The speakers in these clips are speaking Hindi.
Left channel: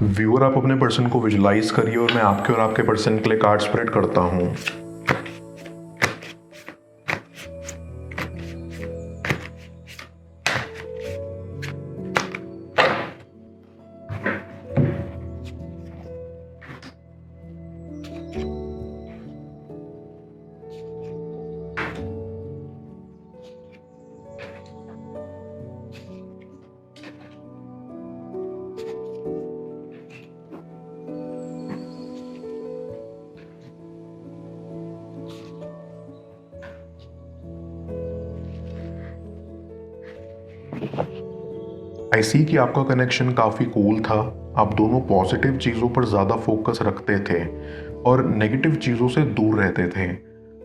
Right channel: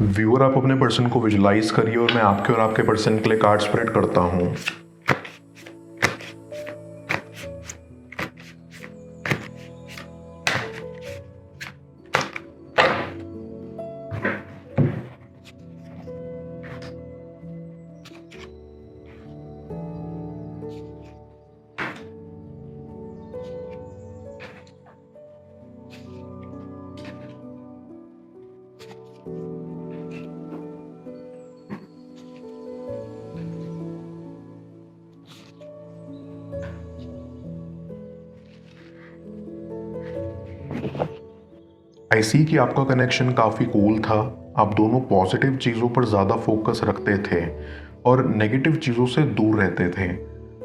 व्यूअर, आप अपने पर्सन को विजुलाइज करिए और मैं आपके और आपके पर्सन के लिए कार्ड स्प्रेड करता हूँ। आई सी कि आपका कनेक्शन काफ़ी कूल था। आप दोनों पॉजिटिव चीज़ों पर ज़्यादा फोकस रखते थे और नेगेटिव चीज़ों से दूर रहते थे।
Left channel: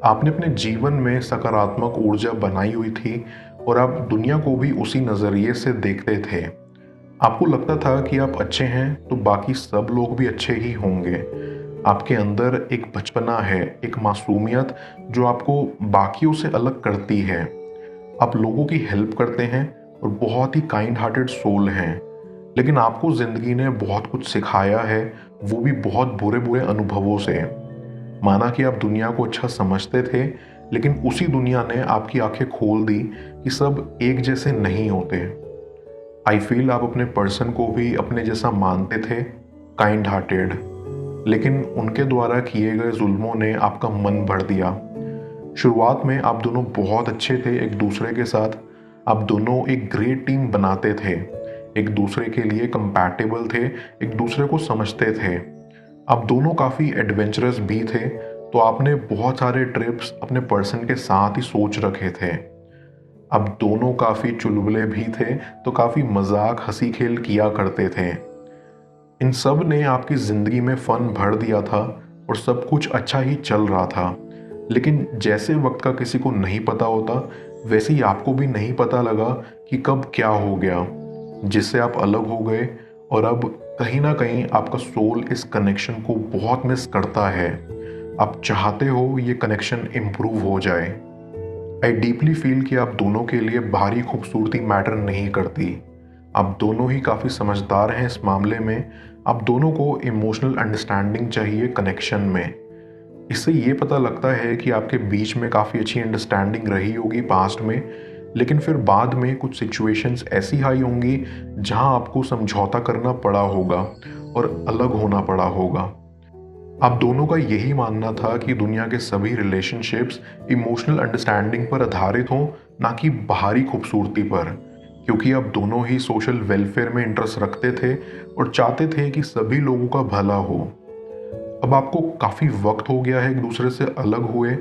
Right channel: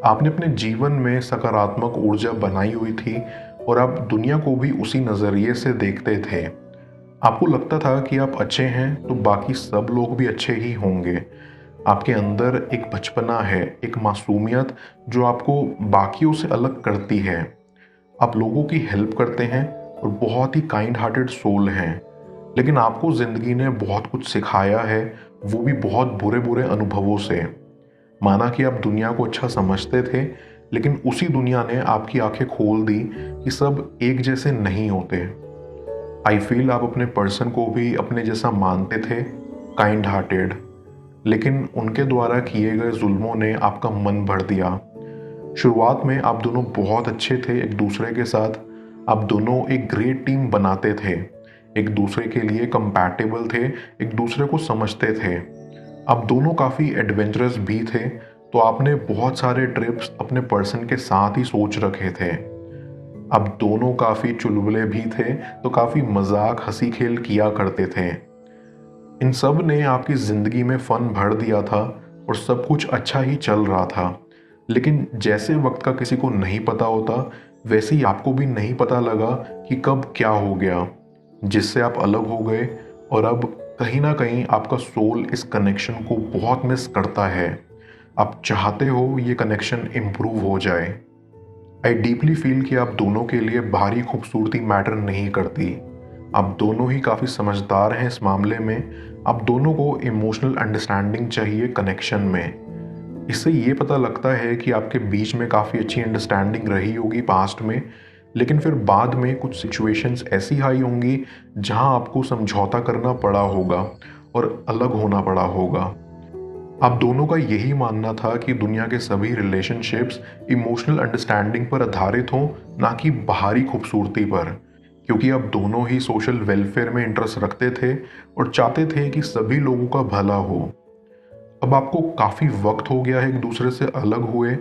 आपने अपने जीवन में सकारात्मक ऊर्जा बनाई हुई थी और आप दुनिया को भी उसी नज़रिए से देखते थे। आपको लगता था कि आप अच्छे हैं तो बाकी सब लोग भी अच्छे ही होंगे। आपके अंदर एक बचपना है, एक मासूमियत जो आपको बाकियों से अलग करती है। आप लोगों की हेल्प करते हैं और बहुत ही काइंड हार्टेड सोल हैं। लेकिन आपको जिंदगी ने बहुत कुछ सिखाया है, वो भी बहुत बुरे बुरे अनुभवों से। माना कि आप दुनिया को अच्छा समझते थे, लेकिन उसी दुनिया ने आपकी आंखें खोल दी कि सब एक जैसे नहीं होते। आई फील आप अपने पर्सन को भी अपने जैसा मानते थे, काइंड हार्टेड, लेकिन उनके द्वारा किए गए जुल्मों ने आपका मन भर दिया। शुरुआत में आप दोनों बहुत अच्छे थे एक दूसरे के साथ। आप दोनों एक ग्रेट टीम बनाते थे, एक दूसरे के लिए कंपैटिबल थे, एक दूसरे को समझते थे। आप दोनों काफ़ी एडवेंचरस भी थे, तो आपने बहुत सारे ट्रिप्स अपने पर्सन के साथ ही सोच रखे थे। अब दोनों काफ़ी चुलबुले भी थे, तो काफ़ी मजाक हंसी खेल किया करते थे। इन सब ने आपकी ज़िंदगी में फन भर दिया था और सब कुछ अच्छा ही चल रहा था। लेकिन जैसे वक्त का किसी को नहीं पता होता, वैसे ही आपको भी नहीं पता लगा कि कब क्या हो गया, जिससे आप अलग हो गए। और अब कहीं ना कहीं आपका सोल इस कनेक्शन को बहुत मिस करता है। आप चाहते हो ये कनेक्शन इम्प्रूव हो जाए। आई डीपली फील कि आप दोनों के लिए बाहरी खूबसूरती मैटर नहीं करती। आप दोनों ही काफ़ी समझदार हैं इस मामले में। आप दोनों को इमोशनल अंडरस्टैंडिंग चाहिए कनेक्शन में। इससे ये पता लगता है कि आपके बीच में काफ़ी अच्छी अंडरस्टैंडिंग रही होगी पास्ट में, लेकिन फिर बाद में कुछ सिचुएशंस ऐसी आई होंगी जहां आपको समझौता करना पड़ा होगा और अलग होना पड़ा होगा। आप दोनों का यही मानना था कि दुनिया के सभी रिलेशनशिप्स इमोशनल अंडरस्टैंडिंग पर आधारित हो, ना कि बाहरी खूबसूरती पर, क्योंकि आप दोनों ही सोशल वेलफेयर में इंटरेस्ट रखते थे और चाहते थे कि सभी लोगों का भला हो। अब आपको काफी वक्त हो गया है एक दूसरे से अलग हुए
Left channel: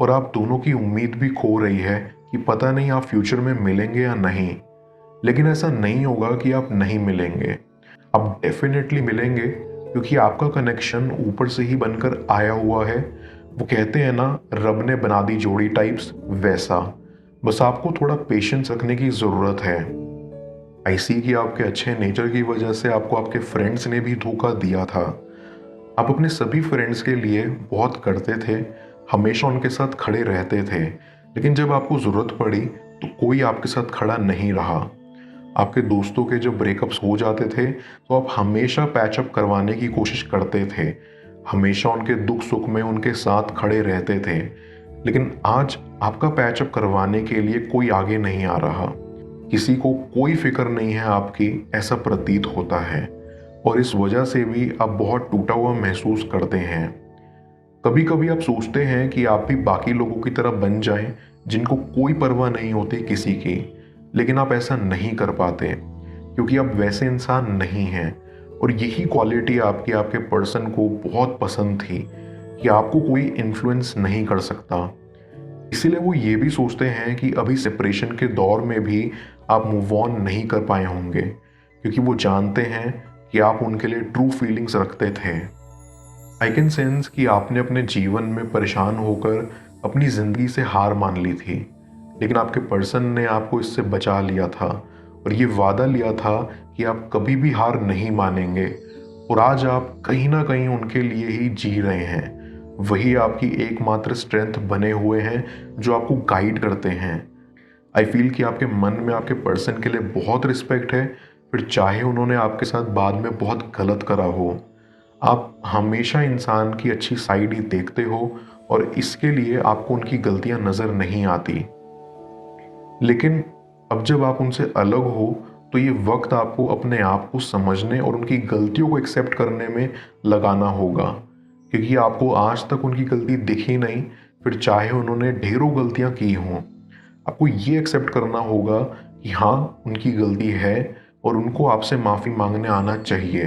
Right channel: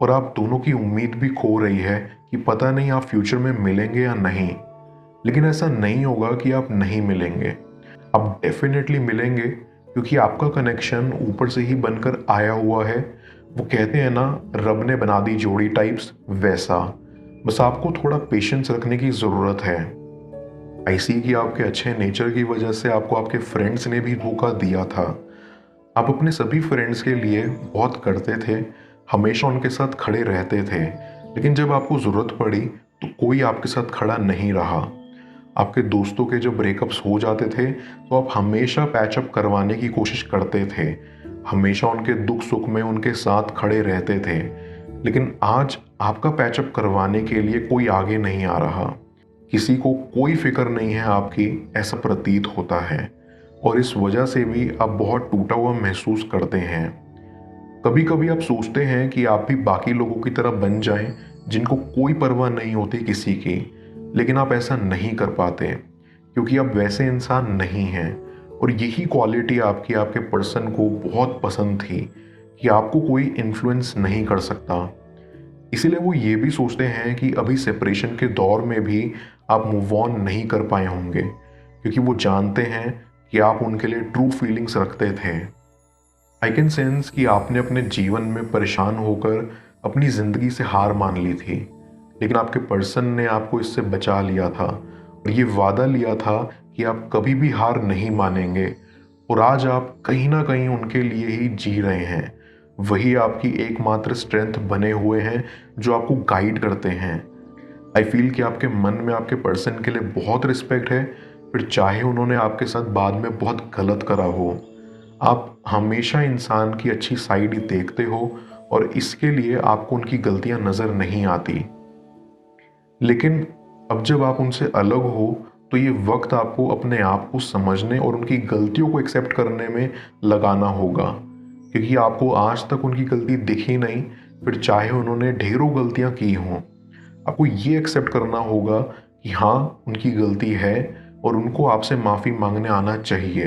और आप दोनों की उम्मीद भी खो रही है कि पता नहीं आप फ्यूचर में मिलेंगे या नहीं। लेकिन ऐसा नहीं होगा कि आप नहीं मिलेंगे, आप डेफिनेटली मिलेंगे, क्योंकि आपका कनेक्शन ऊपर से ही बनकर आया हुआ है। वो कहते हैं ना, रब ने बना दी जोड़ी टाइप्स, वैसा। बस आपको थोड़ा पेशेंस रखने की जरूरत है। आई सी कि आपके अच्छे नेचर की वजह से आपको आपके फ्रेंड्स ने भी धोखा दिया था। आप अपने सभी फ्रेंड्स के लिए बहुत करते थे, हमेशा उनके साथ खड़े रहते थे, लेकिन जब आपको जरूरत पड़ी तो कोई आपके साथ खड़ा नहीं रहा। आपके दोस्तों के जब ब्रेकअप्स हो जाते थे तो आप हमेशा पैचअप करवाने की कोशिश करते थे, हमेशा उनके दुख सुख में उनके साथ खड़े रहते थे। लेकिन आज आपका पैचअप करवाने के लिए कोई आगे नहीं आ रहा, किसी को कोई फिक्र नहीं है आपकी, ऐसा प्रतीत होता है। और इस वजह से भी आप बहुत टूटा हुआ महसूस करते हैं। कभी कभी आप सोचते हैं कि आप भी बाकी लोगों की तरह बन जाएं, जिनको कोई परवाह नहीं होती किसी की, लेकिन आप ऐसा नहीं कर पाते क्योंकि आप वैसे इंसान नहीं हैं। और यही क्वालिटी आपकी आपके पर्सन को बहुत पसंद थी कि आपको कोई इन्फ्लुएंस नहीं कर सकता। इसीलिए वो ये भी सोचते हैं कि अभी सेपरेशन के दौर में भी आप मूव ऑन नहीं कर पाए होंगे, क्योंकि वो जानते हैं कि आप उनके लिए ट्रू फीलिंग्स रखते थे। आई कैन सेंस कि आपने अपने जीवन में परेशान होकर अपनी जिंदगी से हार मान ली थी, लेकिन आपके पर्सन ने आपको इससे बचा लिया था और ये वादा लिया था कि आप कभी भी हार नहीं मानेंगे। और आज आप कहीं ना कहीं उनके लिए ही जी रहे हैं। वही आपकी एकमात्र स्ट्रेंथ बने हुए हैं जो आपको गाइड करते हैं। आई फील कि आपके मन में आपके पर्सन के लिए बहुत रिस्पेक्ट है, फिर चाहे उन्होंने आपके साथ बाद में बहुत गलत करा हो। आप हमेशा इंसान की अच्छी साइड ही देखते हो और इसके लिए आपको उनकी गलतियां नजर नहीं आती। लेकिन अब जब आप उनसे अलग हो तो ये वक्त आपको अपने आप को समझने और उनकी गलतियों को एक्सेप्ट करने में लगाना होगा, क्योंकि आपको आज तक उनकी गलती दिखी नहीं। फिर चाहे उन्होंने ढेरों गलतियां की हों, आपको ये एक्सेप्ट करना होगा कि हाँ, उनकी गलती है और उनको आपसे माफी मांगने आना चाहिए।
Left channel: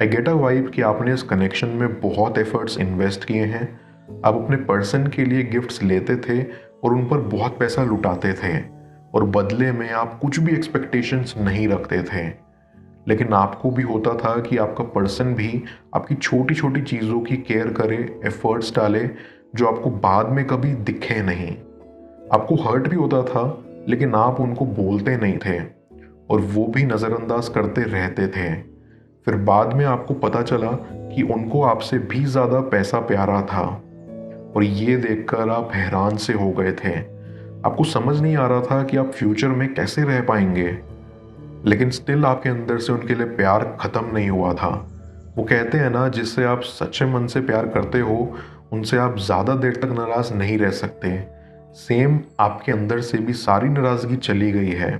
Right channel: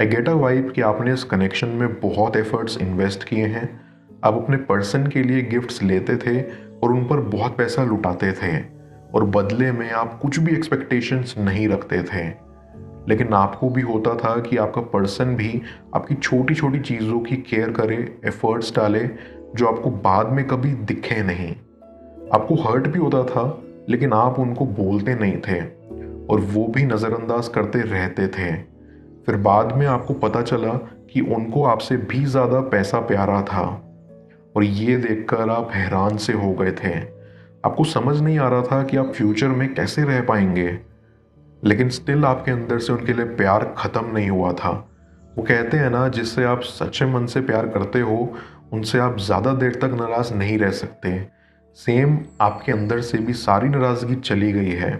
आई गेट अ वाइब कि आपने इस कनेक्शन में बहुत एफर्ट्स इन्वेस्ट किए हैं। आप अपने पर्सन के लिए गिफ्ट्स लेते थे और उन पर बहुत पैसा लुटाते थे और बदले में आप कुछ भी एक्सपेक्टेशंस नहीं रखते थे। लेकिन आपको भी होता था कि आपका पर्सन भी आपकी छोटी छोटी चीज़ों की केयर करे, एफर्ट्स डाले, जो आपको बाद में कभी दिखे नहीं। आपको हर्ट भी होता था, लेकिन आप उनको बोलते नहीं थे और वो भी नज़रअंदाज करते रहते थे। फिर बाद में आपको पता चला कि उनको आपसे भी ज़्यादा पैसा प्यारा था और ये देखकर आप हैरान से हो गए थे। आपको समझ नहीं आ रहा था कि आप फ्यूचर में कैसे रह पाएंगे, लेकिन स्टिल आपके अंदर से उनके लिए प्यार खत्म नहीं हुआ था। वो कहते हैं ना, जिससे आप सच्चे मन से प्यार करते हो उनसे आप ज़्यादा देर तक नाराज नहीं रह सकते। सेम आपके अंदर से भी सारी नाराज़गी चली गई है,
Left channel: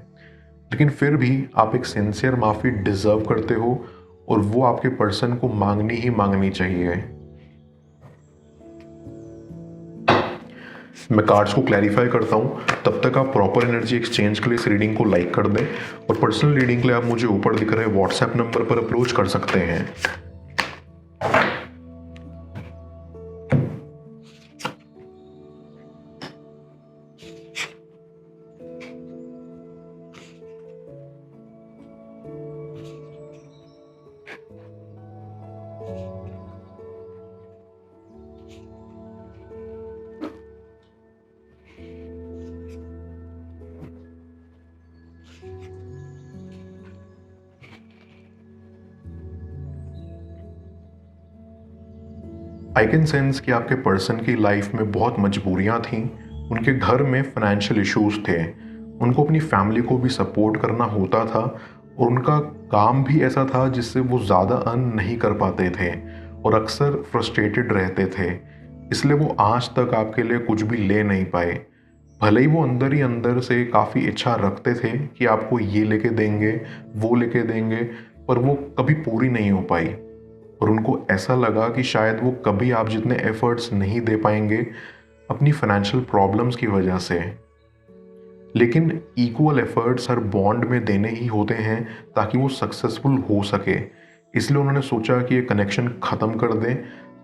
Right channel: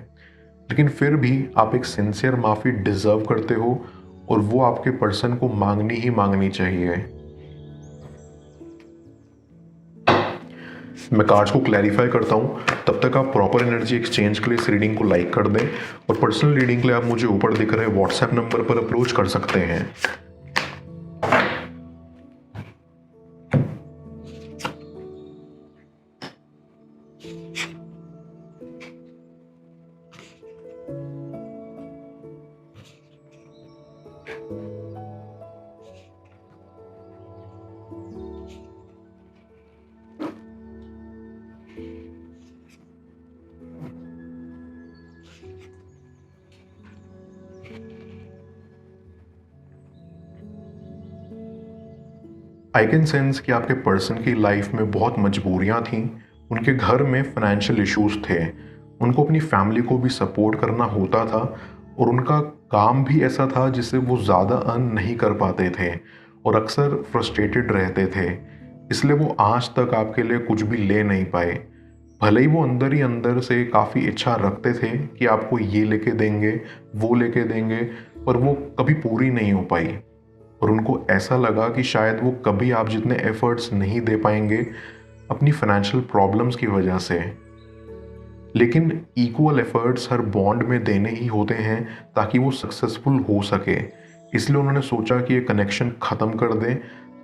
लेकिन फिर भी आप एक सिंसियर माफ़ी डिजर्व करते हो और वो आपके पर्सन को मांगनी ही मांगनी चाहिए। मैं कार्ड्स को क्लैरिफाई करता हूँ, तब तक आप प्रॉपर एनर्जी एक्सचेंज के लिए इस रीडिंग को लाइक कर दें और पर्सनल रीडिंग के लिए आप मुझे ऊपर दिख रहे व्हाट्सएप नंबर पर अप्रोच कर सकते हैं। आई कैन सेंस कि आपके पर्सन की लाइफ में बहुत मजबूरियां थी। उनके घर में फाइनेंशियल इश्यूज थे, उनको अपनी फैमिली को भी सपोर्ट करना होता था और उनका काम भी ऐसा था जिससे वो ज़्यादा अर्न नहीं कर पाते थे और अक्सर फ्रस्ट्रेटेड रहते थे। इसलिए वो आज तक आपके लिए कुछ भी ले नहीं पाए। भले ही वो अंदर ही अंदर से काफ़ी इच्छा रखते थे कि आपको ये लेके देंगे, वो लेके देंगे, पर वो कभी पूरी नहीं हो पाई और उनको ऐसा लगा कि शायद वो कभी आप जितने एफर्ट्स नहीं दे पाएंगे अपनी फाइनेंशियल प्रॉब्लम्स की वजह से। लेकिन इक्वल एफर्ट्स हर बॉन्ड में देने ही होते हैं ताकि वो सक्सेसफुल हो सके। इसलिए उन्होंने सोचा कि ये कनेक्शन ख़त्म कर दें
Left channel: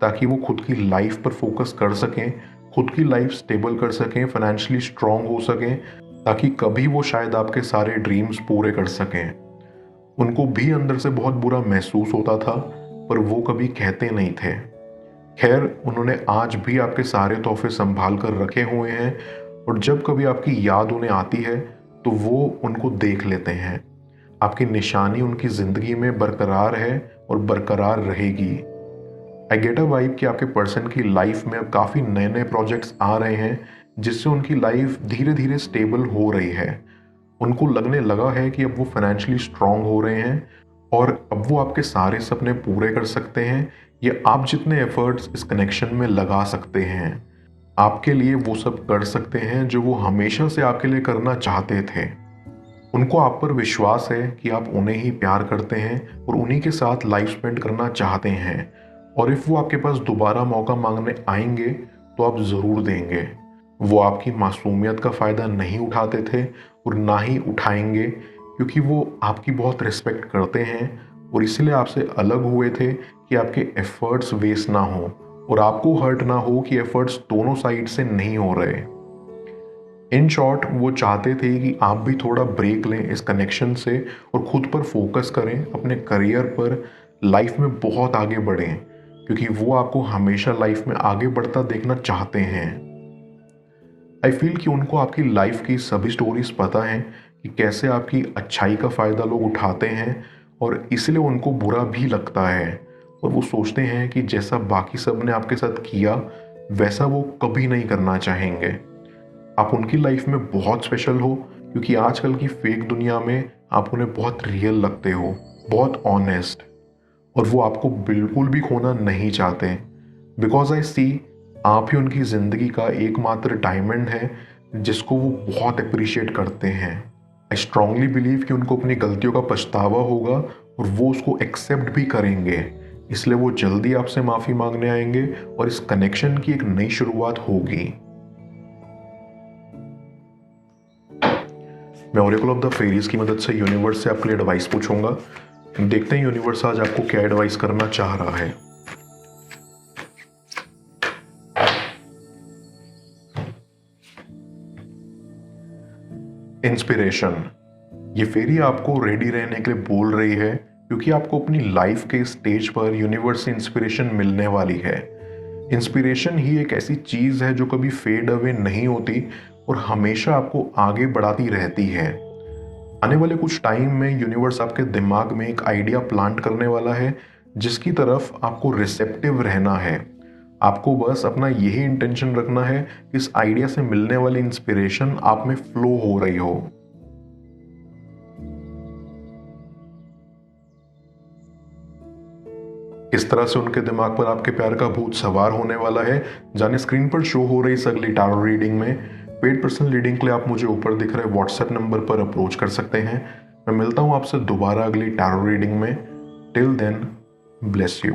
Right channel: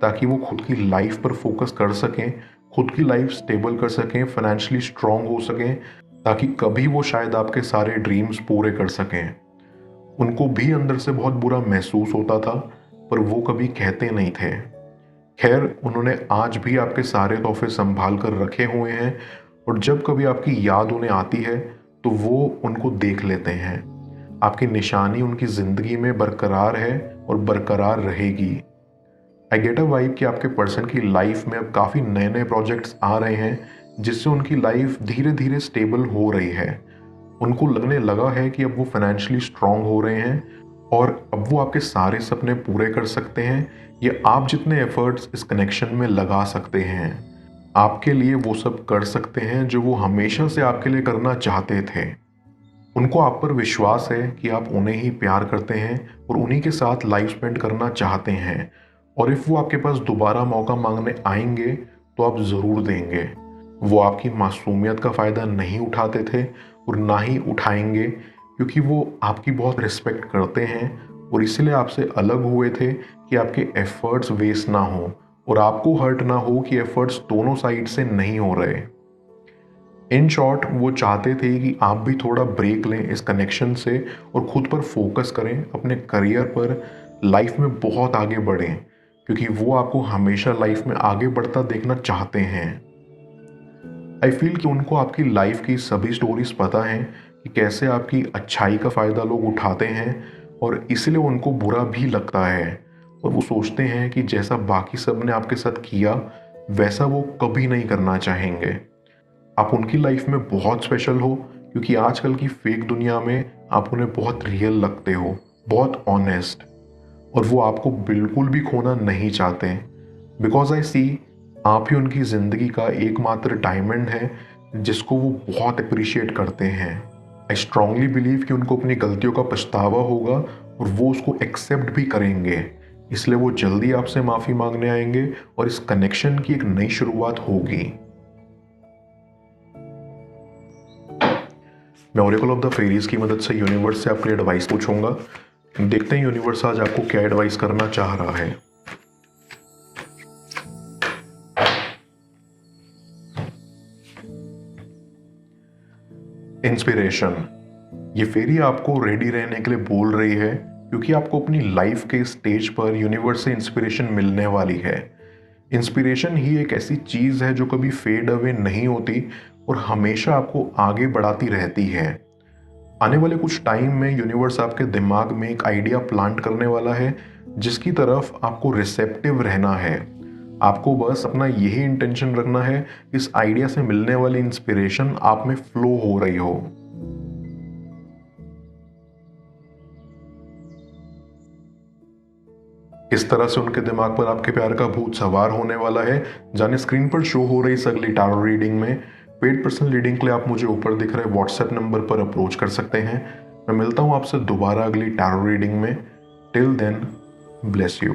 ताकि वो खुद की लाइफ पर फोकस कर सकें, खुद की लाइफ स्टेबल कर सकें, फाइनेंशियली स्ट्रांग हो सकें, ताकि कभी वो शायद आपके सारे ड्रीम्स पूरे कर सकें। उनको भी अंदर से बहुत बुरा महसूस होता था, पर वो कभी कहते नहीं थे। खैर, उन्होंने आज भी आपके सारे तोहफे संभाल कर रखे हुए हैं और जब कभी आपकी याद उन्हें आती है तो वो उनको देख लेते हैं। आपकी निशानी उनकी जिंदगी में बरकरार है और बरकरार रहेगी। आई गेट अ वाइब कि आपके पर्सन की लाइफ में अब काफ़ी नए नए प्रोजेक्ट्स आ रहे हैं जिससे उनकी लाइफ धीरे धीरे स्टेबल हो रही है। उनको लगने लगा है कि अब वो फाइनेंशियली स्ट्रांग हो रहे हैं और अब वो आपके सारे सपने पूरे कर सकते हैं या आप जितने एफर्ट्स इस कनेक्शन में लगा सकते हैं आपके लिए वो सब कर सकते हैं जो वो हमेशा से आपके लिए करना चाहते थे। उनको आप पर विश्वास है कि आप उन्हें ही प्यार करते हैं और उन्हीं के साथ लाइफ स्पेंड करना चाहते हैं और इफ वो आपके पास दोबारा मौका मांगने आएंगे तो आप ज़रूर देंगे। वो आपकी मासूमियत का फ़ायदा नहीं उठाते थे और ना ही उठाएंगे, क्योंकि वो आपकी बहुत रिस्पेक्ट करते हैं और इसलिए आपसे अलग हुए थे कि आपके एफर्ट्स वेस्ट ना हो और आपको हर्ट ना हो कि एफर्ट्स दोनों साइड से नहीं हो रहे। इन शॉर्ट, वो चाहते थे कि आप भी थोड़ा ब्रेक लें इस कनेक्शन से और खुद पर फोकस करें, अपने करियर पर, लाइफ में बहुत आगे बढ़ें, क्योंकि वो आपको हमेशा लाइफ में आगे बढ़ता देखना चाहते हैं। आई फील कि उनको आपकी लाइफ की सभी स्टोरीज पता है कि कैसे आपकी अच्छाई का फ़ायदा लोग उठाते हैं और इसलिए उनको बुरा भी लगता है और वो सोचते हैं कि जैसा बाकी सब ने आपके साथ किया वैसा वो कभी नहीं करना चाहेंगे। आप उनकी लाइफ में बहुत स्पेशल हो क्योंकि आजकल की फेक दुनिया में आप उन्हें बहुत रियल लगते हो, बहुत ऑनेस्ट, और वो आपको बिल्कुल भी खोना नहीं चाहते। बिकॉज आई सी आप ही उनकी जिंदगी का एकमात्र डायमंड है जिसको वो बहुत अप्रिशिएट करते हैं। आई स्ट्रांगली बिलीव कि उनको अपनी गलतियों का पछतावा होगा और वो उसको एक्सेप्ट भी करेंगे, इसलिए वो जल्दी आपसे माफी मांगने आएंगे और इस कनेक्शन की एक नई शुरुआत होगी। मैं ओरेकल ऑफ द फेरीज की मदद से यूनिवर्स से अपनी एडवाइस पूछूंगा। देखते हैं यूनिवर्स आज आपको क्या एडवाइस करना चाह रहा है। इंस्पिरेशन। ये फेरी आपको रेडी रहने के लिए बोल रही है क्योंकि आपको अपनी लाइफ के स्टेज पर यूनिवर्स से इंस्पिरेशन मिलने वाली है। इंस्पिरेशन ही एक ऐसी चीज है जो कभी फेड अवे नहीं होती और हमेशा आपको आगे बढ़ाती रहती है। आने वाले कुछ टाइम में यूनिवर्स आपके दिमाग में एक आइडिया प्लांट करने वाला है जिसकी तरफ आपको रिसेप्टिव रहना है। आपको बस अपना यही इंटेंशन रखना है, इस आइडिया से मिलने वाली इंस्पिरेशन आप में फ्लो हो रही हो। इस तरह से उनके दिमाग पर आपके प्यार का भूत सवार होने वाला है। जाने स्क्रीन पर शो हो रही इस अगली टैरो रीडिंग में पेड पर्सनल रीडिंग के लिए आप मुझे ऊपर दिख रहे व्हाट्सएप नंबर पर अप्रोच कर सकते हैं। मैं मिलता हूं आपसे दोबारा अगली टैरो रीडिंग में। Till then, bless you.